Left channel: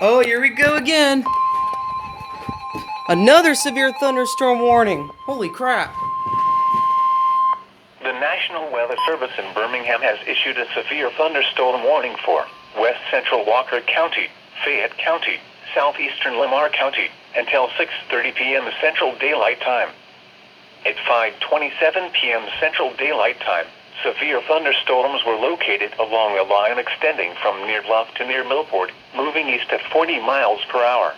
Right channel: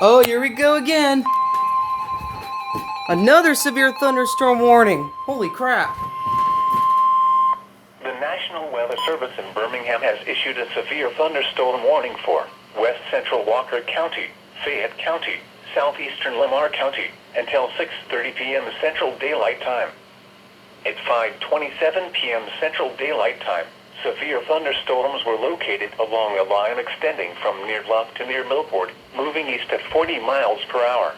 Oh, here we go again. Another severe thunderstorm warning. Holy crap. The National Weather Service in Birmingham has issued a severe thunderstorm warning for west central Walker County, Fayette County, southeastern Lamar County, until 6:30 p.m. Central Daylight Time. At 5:27 p.m. Central Daylight Time, severe thunderstorms were located along a line extending from near Bluff to near Millport, moving east at 40 miles per hour.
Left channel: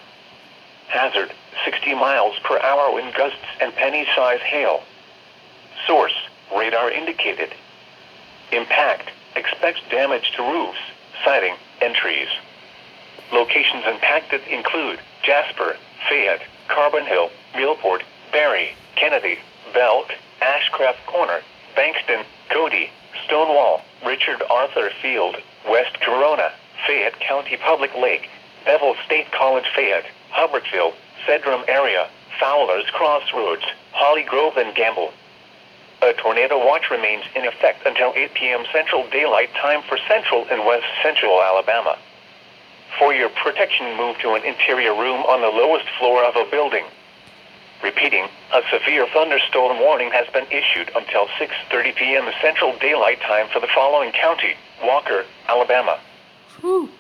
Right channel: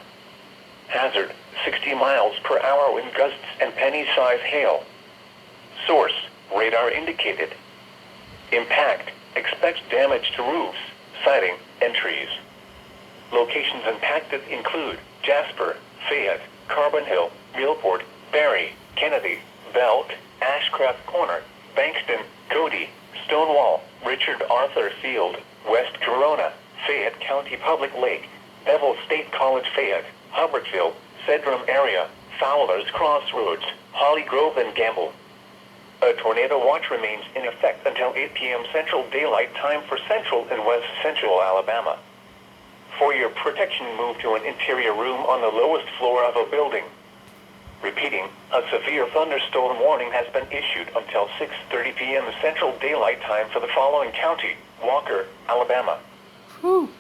Hazard, 60 miles per hour wind gusts and penny-size hail. Source, radar indicated. Impact, expects damage to roofs, siding, and trees. Locations impacted include Jasper, Fayette, Carbon Hill, Millport, Barry, Kennedy, Belk, Ashcraft Corner, Bankston, Cody, Stonewall, Richard Arthur Field, West Corona, Fayette County Public Lake, Bevel State College Fayette, Hubbardsville, Sedrum area, Fowler's Crossroads, Holly Grove and Gamble. A tornado watch remains in effect until 8 p.m. Central Daylight Time for central and west central Alabama. For your protection, move to an interior room on the lowest floor of a building. Repeating, a severe thunderstorm warning has been issued until 6:30 p.m. Central Daylight Time for the following county: Walker, Alabama. Whew.